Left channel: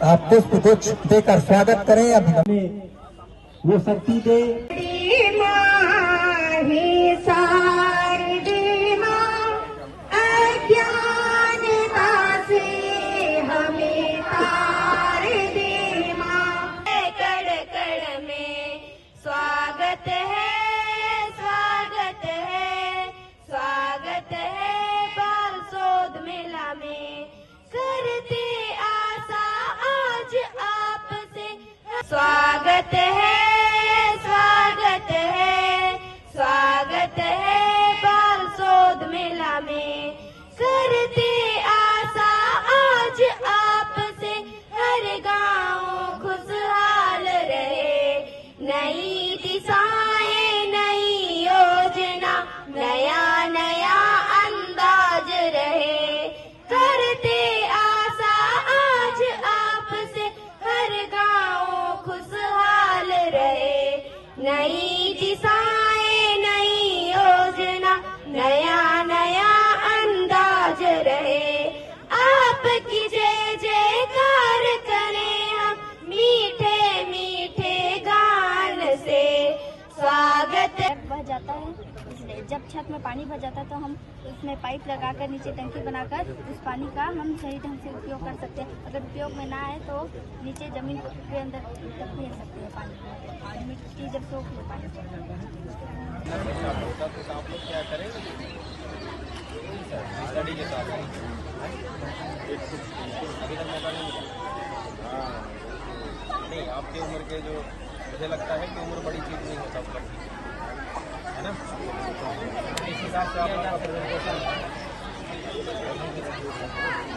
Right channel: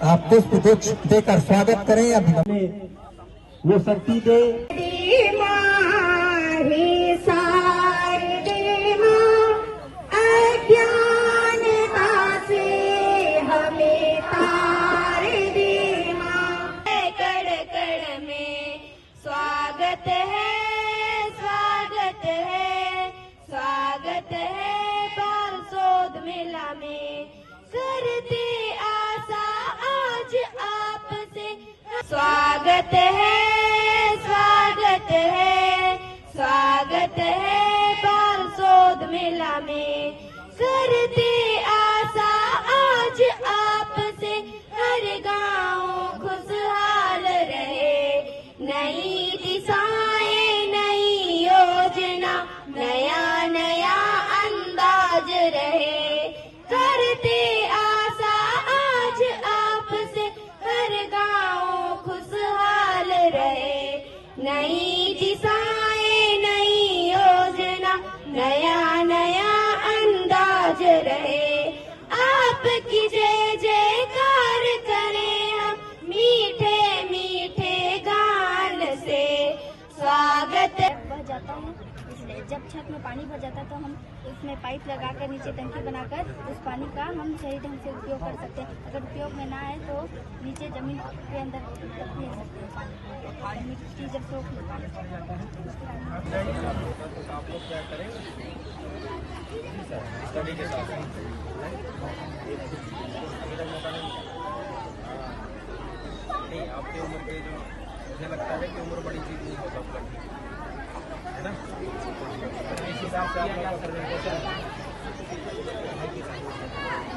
पुष्प देकर स्वागत करें। अभी वो शक्ति दे स्वागत है बारसोद मेला में, करते आशा आज आपसे हर गांव खुशहाल रहे। नई दिशाएं नई योजना नया नया अंदाज रहे, करते आशा आज आपसे हर गांव खुशहाल रहे। नई दिशाएं नई योजना नया नया अंदाज रहे। आपकी जय जयकार करें हम मीठे मीठे गान से। स्वागत बह जाता है, इसलिए जब छत में पानी भर जाता है तो हम उसमें पाइप लगाकर नीचे टंकी बनाकर उस पानी का हम सही ढंग से उपयोग कर सकते हैं। अगर उपयोग में ना आए तो नीचे जमीन के अंदर तक ले सकते हैं पानी को, मिट्टी जब सोख ले पानी। नहीं, आपकी उम्र के जो मुझे लगता है कि उम्र बड़ी चीज नहीं हो सकती है ना। इस हिसाब से आपका प्रेजेंटेशन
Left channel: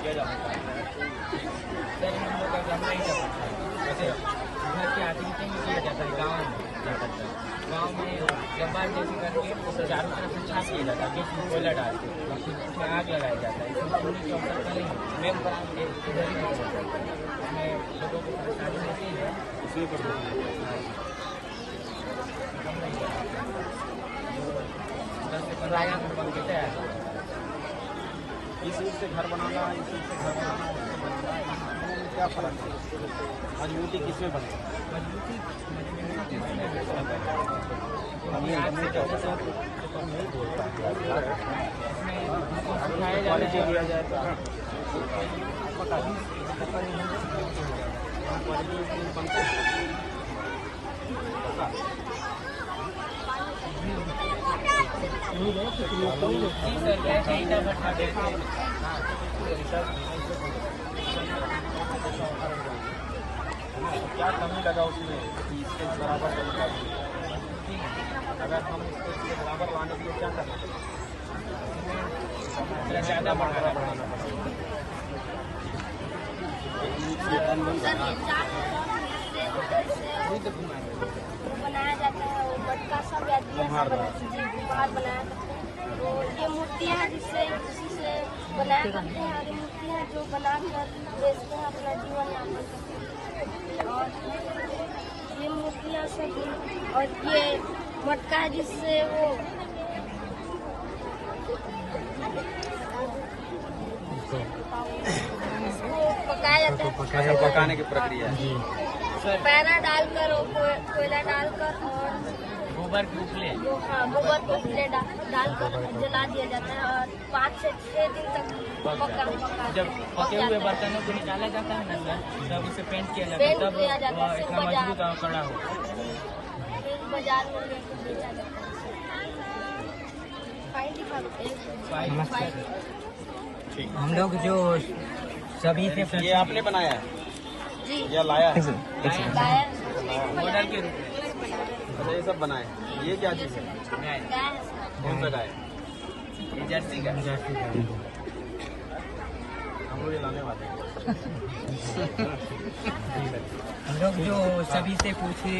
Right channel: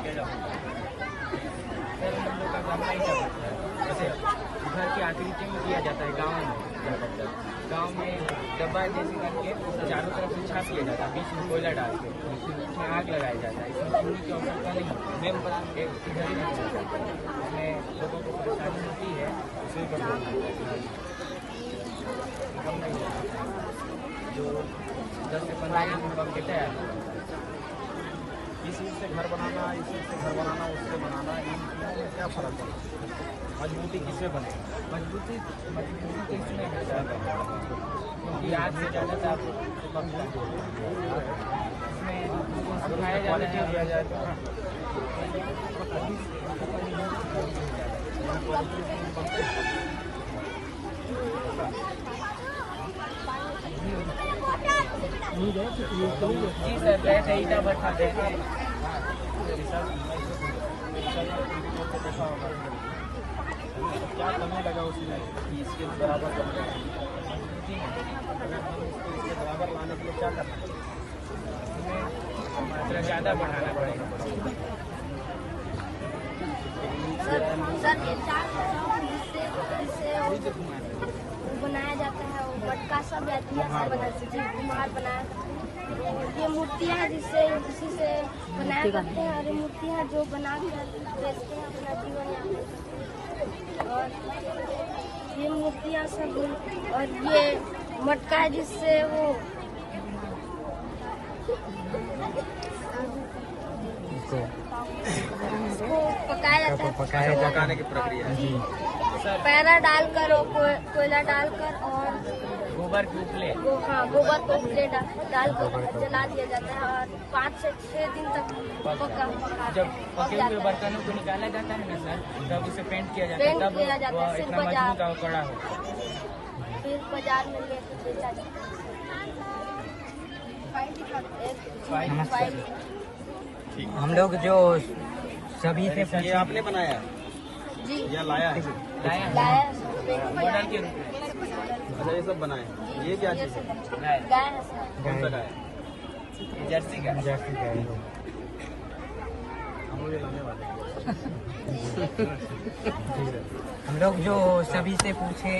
किया जा सकता है। शहरी मंदिरों का हम नहीं कर सकते। जैसे घर की आकृति में किया जाता है, गाँव में किया जाता है। गाँव में डब्बा जैसे करके चारों तरफ छाप किया जाता है, बीच में कोयला डाल के इसमें आग लगाया जाता है। इसमें चूल्हे की आवश्यकता नहीं, मेन बना इधर ही निकल जाता है। इसमें लोगों को परेशानी होती है, उसी पर कम नहीं है। जो 10 से 15 मिनट बन के तैयार हो जाता है। इस रूप से घर बनाना, इस रूप से घर बनाना, उससे बनाना, इसमें क्या फर्क है? मजबूती किसमें बने? मजबूती किसमें क्योंकि आग से ज़्यादा से कम इसमें उसको सिखाया जाता है। दिया जाता है क्या कमी लगा उसमें कि इसके बराबर करना अगर हम इसके बराबर लाने के लिए क्या करें? मात्रा ज़्यादा बढ़ाना पड़ेगा। बनाया जाता है वो मटका सब कुम्हार बनाया जाता है। तो ये मूर्तियाँ जिसी से बनाया करते हैं, और ये मूर्तियाँ जो बना कर बेचते हैं, अपना जीवन यापन करते हैं। और ये मूर्तियाँ सब, और ये मटका है जिससे वो इसको पकाया जाता है। पकाने की प्रक्रिया पैरा डालकर और कोयला डालकर और गोबर की उपले, हाँ, गोबर को उपले डालकर जला दिया जाता है और 5 से 6 दिन तक पका। जब पके हुए बर्तनों को निकाला जाता है ना सर, तब इसे पेंट किया जाता है, तब वो इतना मजबूत और कड़ा हो। फिर बाजार में लेकर बेचा जाता है। हम लोग जो सभी से ये आपने बनाया है जी, या लाया है? लाया मॉडल के रूप में। अच्छा, ये सब बनाए। ये क्या चीज़ है? कौन सा गाय? ये जर्सी का। हम ये लाने वाले हैं। हम लोग जो सभी से पूछे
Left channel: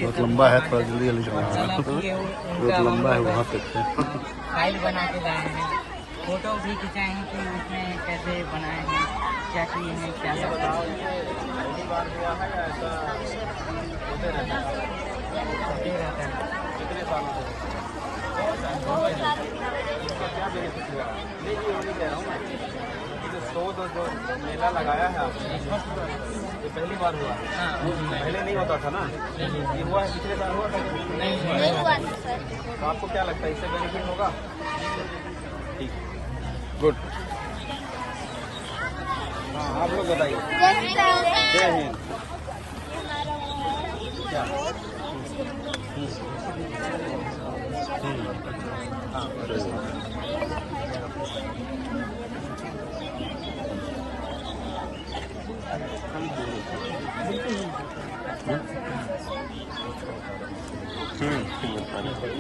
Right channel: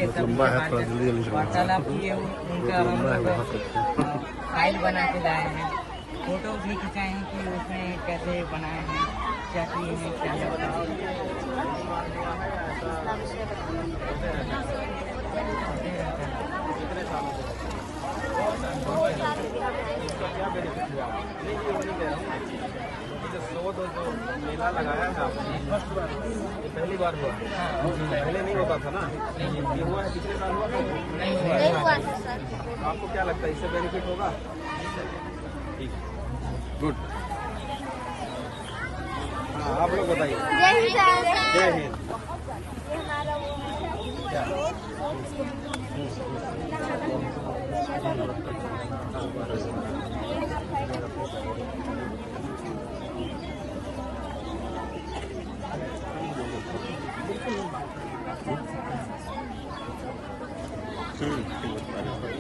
वार्तालाप किए, उनका हम लोग फाइल बना के लाए हैं। फोटो भी खिंचाए हैं कि उसमें कैसे बनाए हैं, क्या किए हैं, क्या लगता है। क्या बेनिफिट हुआ? जो शोध जो मेला लगाया है आपने, ये पहली बार हुआ? हाँ, पहले नहीं होता था ना? ये हुआ है, पिछले साल हुआ था? नहीं हुआ नहीं हुआ था सर। तो आपको क्या लगता है इससे बेनिफिट होगा? ठीक, गुड। हाँ, आप लोग बताइए। जय हिंद।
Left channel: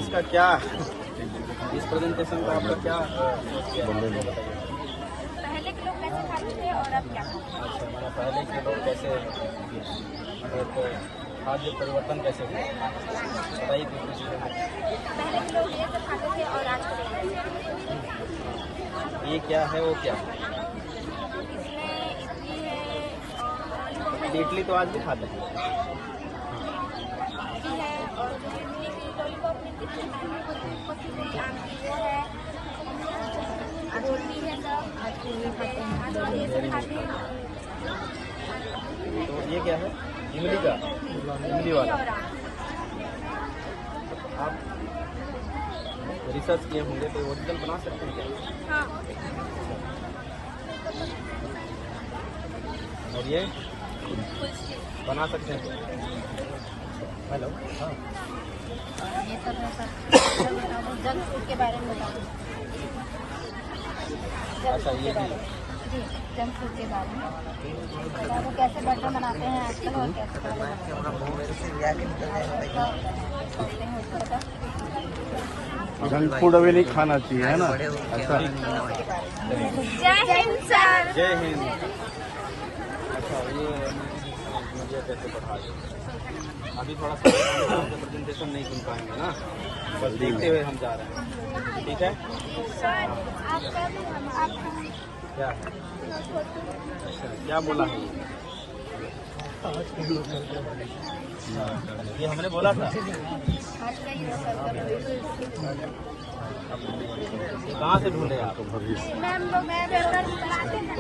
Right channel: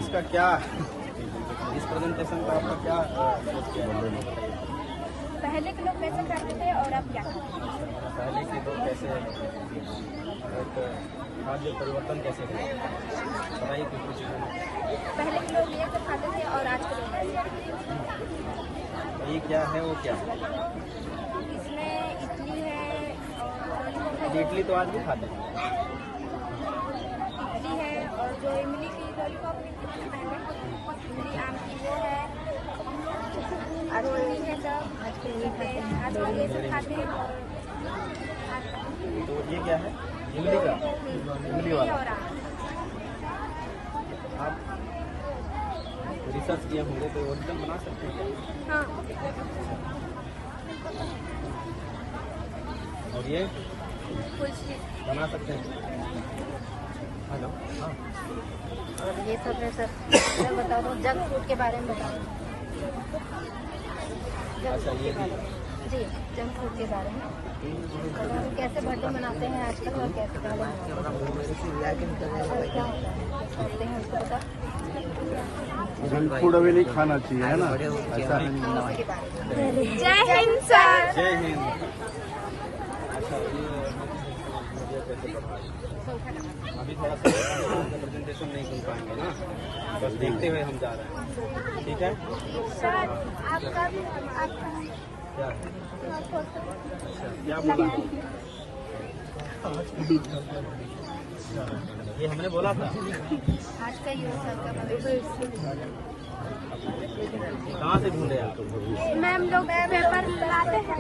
इसका क्या, इस प्रेजेंटेशन का आपका क्या बताइए? पहले के लोग कैसे खाते थे और अब क्या खाते हैं? पहले के लोग कैसे एक खाद्य परिवर्तन कैसे हुआ बताइए कुछ चीज़ों में। पहले के लोग ये सब खाते थे और आज के लोग ये क्या है, वो क्या है? इसमें इडली है और लॉलीपॉप है, इडली तो आज भी खाते हैं। इडली है और जो इमली की लॉलीपॉप मिलती थी पहले, इमली आम की वो है, रोटी है सब, आज लोग ये सब खाते हैं। तो ये क्या है? इमली का, इमली वाला। और आम। आप रिसर्च किए होंगे तो ओरिजिनल बना सकते हैं क्या? हाँ, और ये कुल्फी बना सकते हैं? हेलो, हाँ। और ये सब है सर। मैं बता दूँ जंक फूड के बारे में बता दूँ। जंक फूड के बारे में जी, जंक फूड के बारे में बता दूँ कैसे बर्थडे मनाते हैं आजकल और कैसे पहले मनाते हैं उसको बता। जंक फूड अभी नहीं खाना चाहिए, है ना? ऐसा उसके बारे में। जय हिंद सर। जय हिंद। अच्छा, ये मीडिया कैसे बढ़ा रही है? अभी थोड़ा सा प्रेजेंटेशन नहीं सुन पाएंगे ना, तो देखते हुए हम जा रहे हैं, ठीक है? सर आपका भी आपका क्या है? अच्छा, क्या बोला है? ये हमने बोला था। आज का ही है सर का। कहाँ से ढूंढे आप? मैम लोग पेपर चलाते हैं,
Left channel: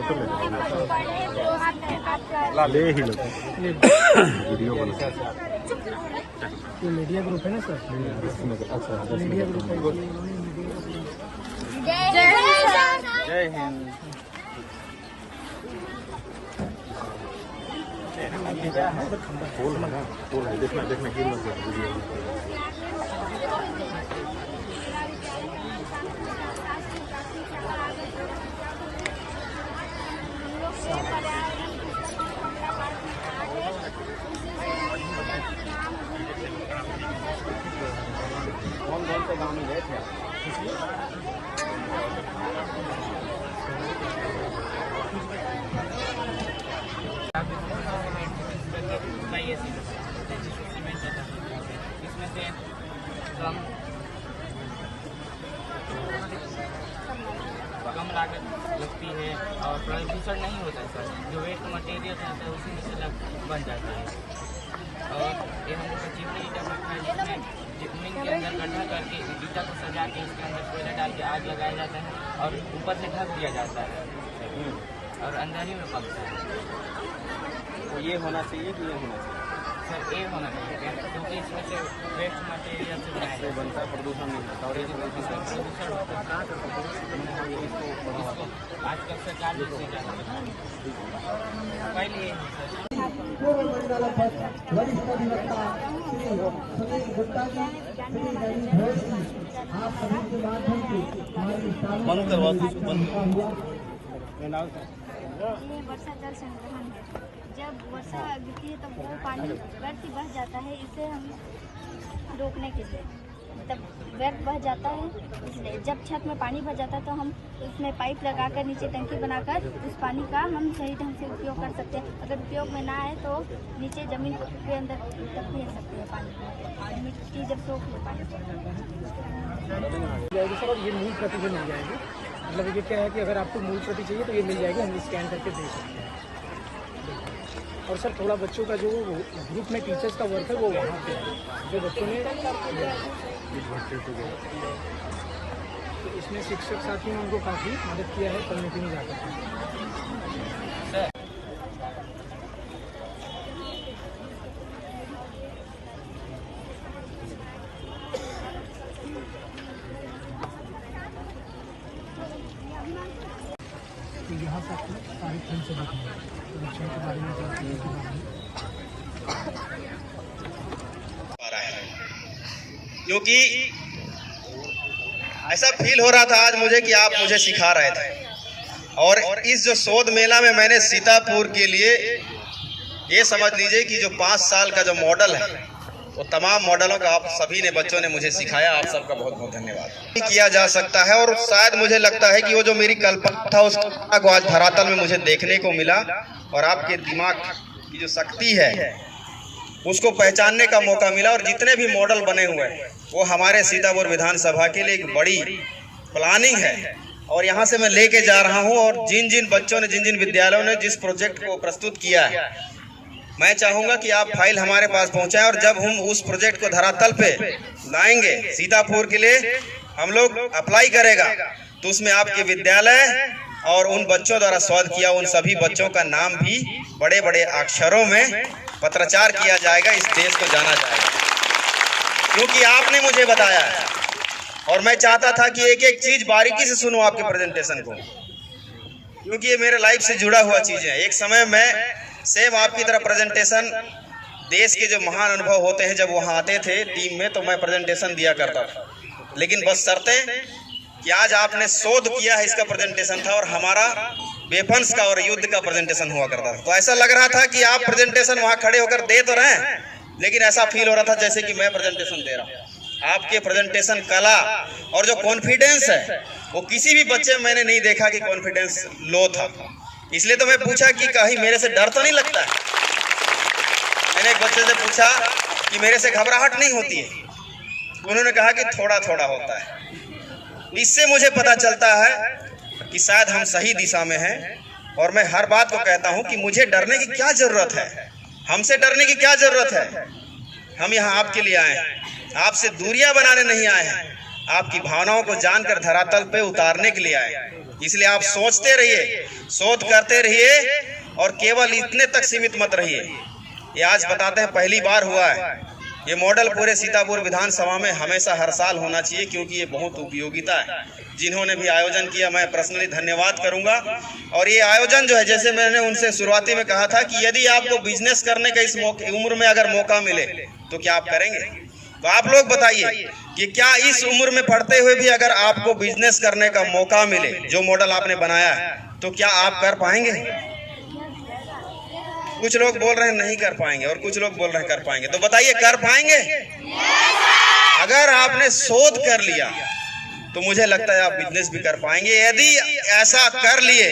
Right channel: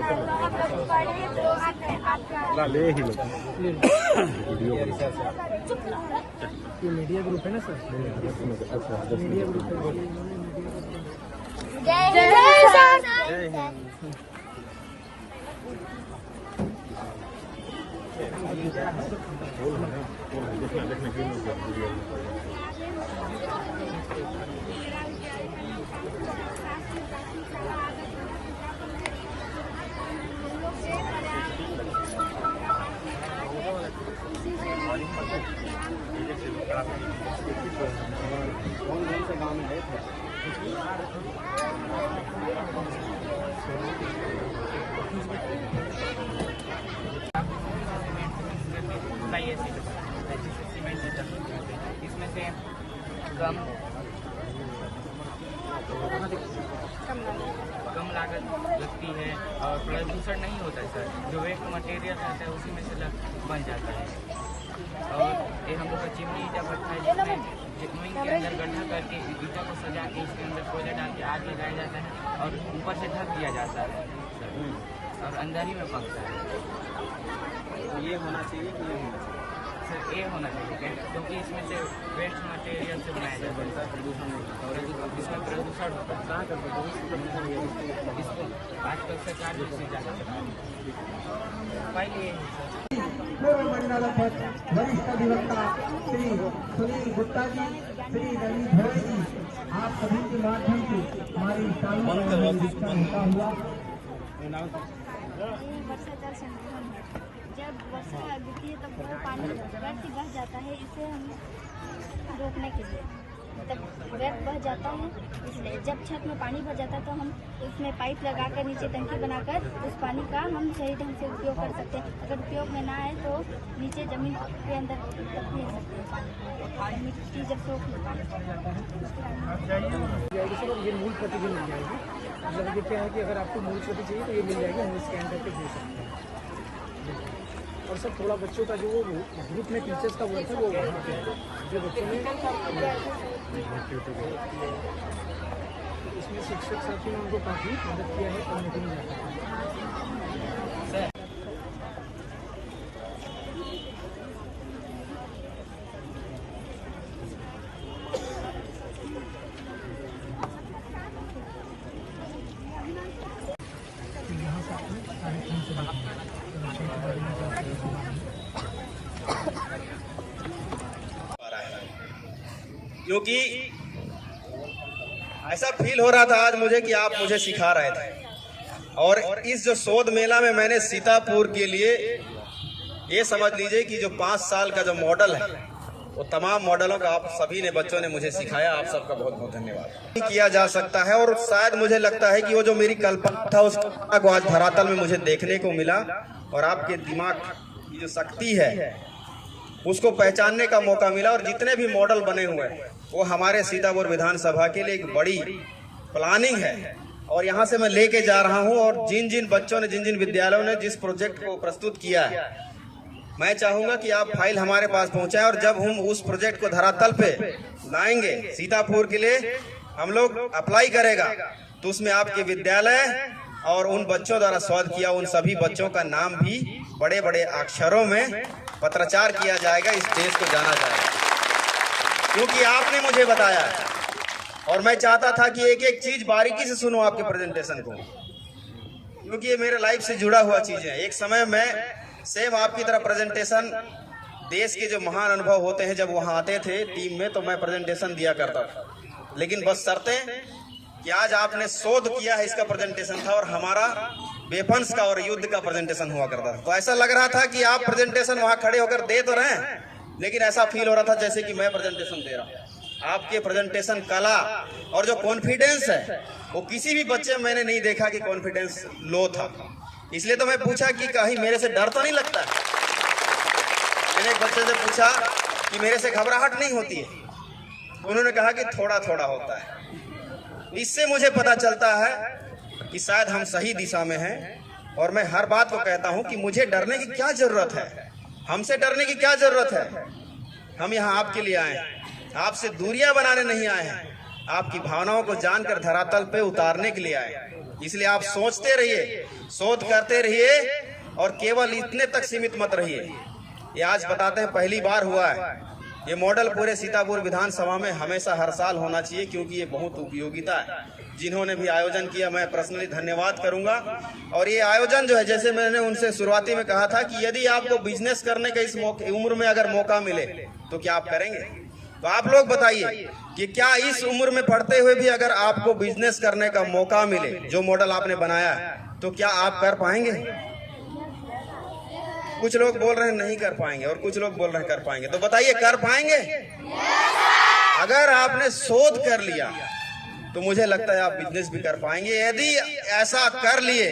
पढ़े तो आपका ले ही लो। मीडिया रिसर्च मीडिया ग्रुप है ना सर? मीडिया ग्रुप है। जय हिंद सर। जय हिंद। देखना क्यों मत कर वीडियो में। हम लोग से पर्यावरण कौन कौन सा बनाने गए थे? ISC से बनाया जाता है, जिसे सीमेंट की तकनीक कहते हैं। इसमें से कम लागत लगती है और प्रदूषण नहीं होता है सर। जो वेस्ट मटेरियल रहता है उसी में से बन जाता है। और ये हम लोग का चिमनी ईटा भट्ठा है, जिसमें जमीन के अंदर गड्ढा करके ईटा को सजा के इसके अंदर कोयला डाल के आग लगाया जाता है और ऊपर से ढक दिया जाता है और अंदर ही में पकता है। तो ये होना चाहिए कि ये होना चाहिए? सर ये होना चाहिए क्या, क्योंकि इसमें से वेस्ट मटेरियल से बनाया जाता है। प्रदूषण नहीं और इसमें प्रदूषण होता है। इसको आजकल सरकार भी इससे ज़्यादा बना रही है। पहले ये है सर। वरिष्ठ अधिवक्ता श्री सुनील गुप्ता जी, श्री रवि भोज जी, आप सभी के माध्यम से हमारी हुआ। ये वर्षा जल संग्रहण है। जब वर्षा गिरती है तब वो पानी व्यर्थ बह जाता है, इसे हम रोकने के लिए तब व्यर्थ बह जाता है। इसलिए जब छत में पानी भर जाता है तो हम उसमें पाइप लगाकर नीचे टंकी बनाकर उस पानी का हम सही ढंग से उपयोग कर सकते हैं। अगर उपयोग में ना आए तो नीचे जमीन के अंदर तक भेज सकते हैं पानी और मिट्टी जब सोख ले पानी। ये मूल प्रति भी मिल जाएगी। मतलब ये क्या है कि अगर आपको मूल प्रति चाहिए तो ये मिल जाएगी, हम स्कैन करके दे सकते हैं। और सर थोड़ा बच्चों का जो ग्रुप में टीचर्स का वर्क है वो वहाँ पे जो बच्चों ने इसमें शिक्षक साथी ने उनको काफ़ी मदद किया है कम्युनिटी में जाकर। सर तो यहाँ से आपको कार्यक्रम से बात क्योंकि ऐसा फील हो रहा था आज मुझे कि आप मुझे सिखा रहे थे। और इस जो शोध मेला में मैंने सीतापुर के लिए ये समझ लीजिए कि जो 5 साल का जो मॉडल है वो तमाम मॉडलों का आप सभी ने बच्चों ने मुझे सिखाया। आप सबका बहुत बहुत धन्यवाद। किया जा सकता है और शायद मुझे लगता है कि वो जो मेरी कल्पना था उसको आज धरातल में मुझे देखने को मिला और आपके दिमाग की जो शक्ति है उसको पहचानने का मौका मिला। और जितने भी मॉडल बने हुए हैं वो हमारे सीतापुर विधानसभा के लिए एक बड़ी प्लानिंग है और यहाँ से मैं लेके जा रहा हूँ। और जिन जिन बच्चों ने जिन जिन विद्यालयों ने जिस प्रोजेक्ट को प्रस्तुत किया है मैं चाहूँगा कि आप फाइल हमारे पास पहुँचाएं और जब हम उस प्रोजेक्ट को धरातल पे लाएंगे सीतापुर के लिए हम लोग अप्लाई करेगा तो उसमें आपके विद्यालय और उन बच्चों द्वारा शोध किया उन सभी बच्चों का नाम भी बड़े बड़े अक्षरों में पत्राचार किया जाएगा। इस देश को जाना जाएगा क्योंकि आपने मुझे बताया है और मैं चाहता था कि एक एक चीज बारीकी से सुनो आपके प्रेजेंटेशन को क्योंकि ये मेरे लाइफ से जुड़ा हुआ चीज है। एक समय मैं सेम आपकी तरह प्रेजेंटेशन देश के जो महान अनुभव होते हैं जब वहाँ आते थे टीम में तो मैं प्रेजेंटेशन दिया करता था। लेकिन बस शर्तें कि आज आपने शोध किया है इसका प्रेजेंटेशन था और हमारा वेपन्स का और युद्ध का प्रेजेंटेशन हुआ करता था। तो ऐसा लग रहा था कि आप प्रेजेंटेशन वहाँ खड़े होकर दे तो रहे हैं लेकिन ऐसा फील हो रहा था जैसे कि मैं प्रेजेंटेशन दे रहा हूँ। आपके प्रेजेंटेशन कला और जो कॉन्फिडेंस है वो किसी भी बच्चे में मैंने नहीं देखा कि कॉन्फिडेंस लो था। इसलिए तो मैं पूछा कि कहीं मेरे से डर तो नहीं लगता है। मैंने एक बच्चे से पूछा कि मेरे से घबराहट नहीं होती है। उन्होंने कहा कि थोड़ा थोड़ा होता है। इससे मुझे पता चलता है कि शायद हम सही दिशा में हैं और मैं हर बात को कहता हूं कि मुझे डरने की क्या जरूरत है, हमसे डरने की क्या जरूरत है। हम यहाँ आपके लिए आए हैं, आपसे दूरियां बनाने नहीं आए हैं, आपकी भावनाओं को जानकर धरातल पे उतारने के लिए आए हैं। इसलिए आप सोचते रहिए, शोध करते रहिए और केवल इतने तक सीमित मत रहिए। ये आज बताते हैं पहली बार हुआ है। ये मॉडल पूरे सीतापुर विधानसभा में हमेशा हर साल होना चाहिए क्योंकि ये बहुत उपयोगिता है। जिन्होंने भी आयोजन किया मैं पर्सनली धन्यवाद करूंगा। और ये आयोजन जो है जैसे मैंने उनसे शुरुआती में कहा था कि यदि आपको बिजनेस करने का इस उम्र में अगर मौका मिले तो क्या आप करेंगे? तो आप लोग बताइए कि क्या इस उम्र में पढ़ते हुए भी अगर आपको बिजनेस करने का मौका मिले जो मॉडल आपने बनाया है तो क्या आप कर पाएंगे? कुछ लोग बोल रहे हैं नहीं कर पाएंगे और कुछ लोग बोल रहे हैं कर पाएंगे। तो बताइए कर पाएंगे? अगर आपने शोध कर लिया तो मुझे लगता है आप बिजनेस भी कर पाएंगे। यदि ऐसा कर लिए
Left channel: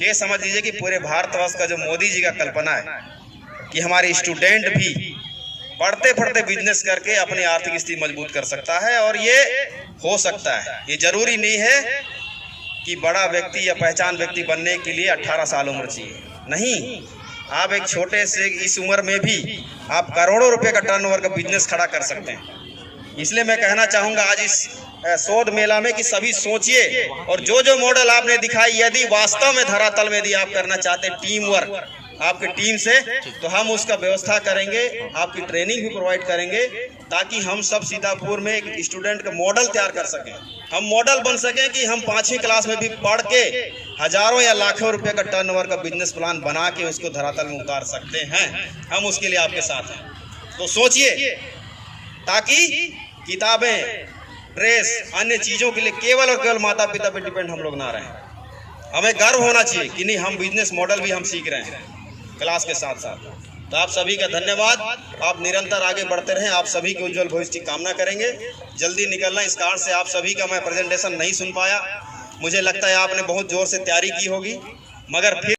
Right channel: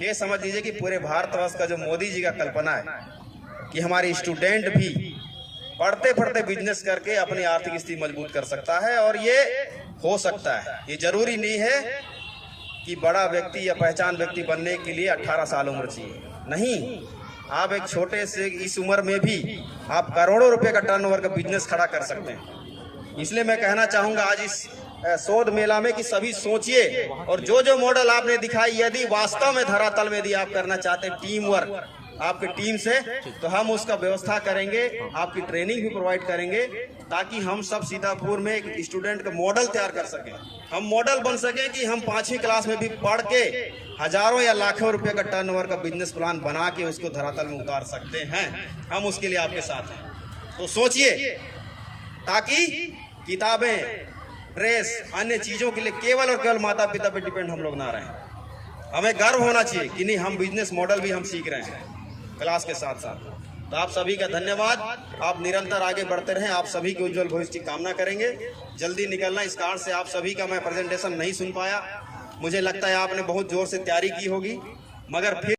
ये समझ लीजिए कि पूरे भारतवर्ष का जो मोदी जी का कल्पना है कि हमारे स्टूडेंट भी पढ़ते पढ़ते बिजनेस करके अपनी आर्थिक स्थिति मजबूत कर सकता है और ये हो सकता है। ये जरूरी नहीं है कि बड़ा व्यक्ति या पहचान व्यक्ति बनने के लिए 18 साल उम्र चाहिए, नहीं। आप एक छोटे से इस उम्र में भी आप करोड़ों रुपए का टर्नओवर का बिजनेस खड़ा कर सकते हैं। इसलिए मैं कहना चाहूँगा आज इस शोध मेला में कि सभी सोचिए और जो जो मॉडल आपने दिखाई यदि वास्तव में धरातल में यदि आप करना चाहते हैं टीम वर्क आपके टीम से तो हम उसका व्यवस्था करेंगे, आपकी ट्रेनिंग भी प्रोवाइड करेंगे ताकि हम सब सीतापुर में एक स्टूडेंट का मॉडल तैयार कर सकें। हम मॉडल बन सकें कि हम 5वीं क्लास में भी पढ़ के हजारों या लाखों रुपए का टर्नओवर का बिजनेस प्लान बना के उसको धरातल में उतार सकते हैं। हम उसके लिए आपके साथ हैं। तो सोचिए ताकि किताबें, ड्रेस, अन्य चीज़ों के लिए केवल और केवल माता पिता पे डिपेंड हम लोग ना रहें। हमें गर्व होना चाहिए कि नहीं हम बिजनेस मॉडल भी हम सीख रहे हैं क्लास के साथ साथ। तो आप सभी का धन्यवाद। आप निरंतर आगे बढ़ते रहें। आप सभी के उज्जवल भविष्य की कामना करेंगे। जल्दी निकलना। इस कारण से आप सभी का मैं प्रेजेंटेशन नहीं सुन पाया। मुझे लगता है आपने बहुत जोर से तैयारी की होगी मगर फिर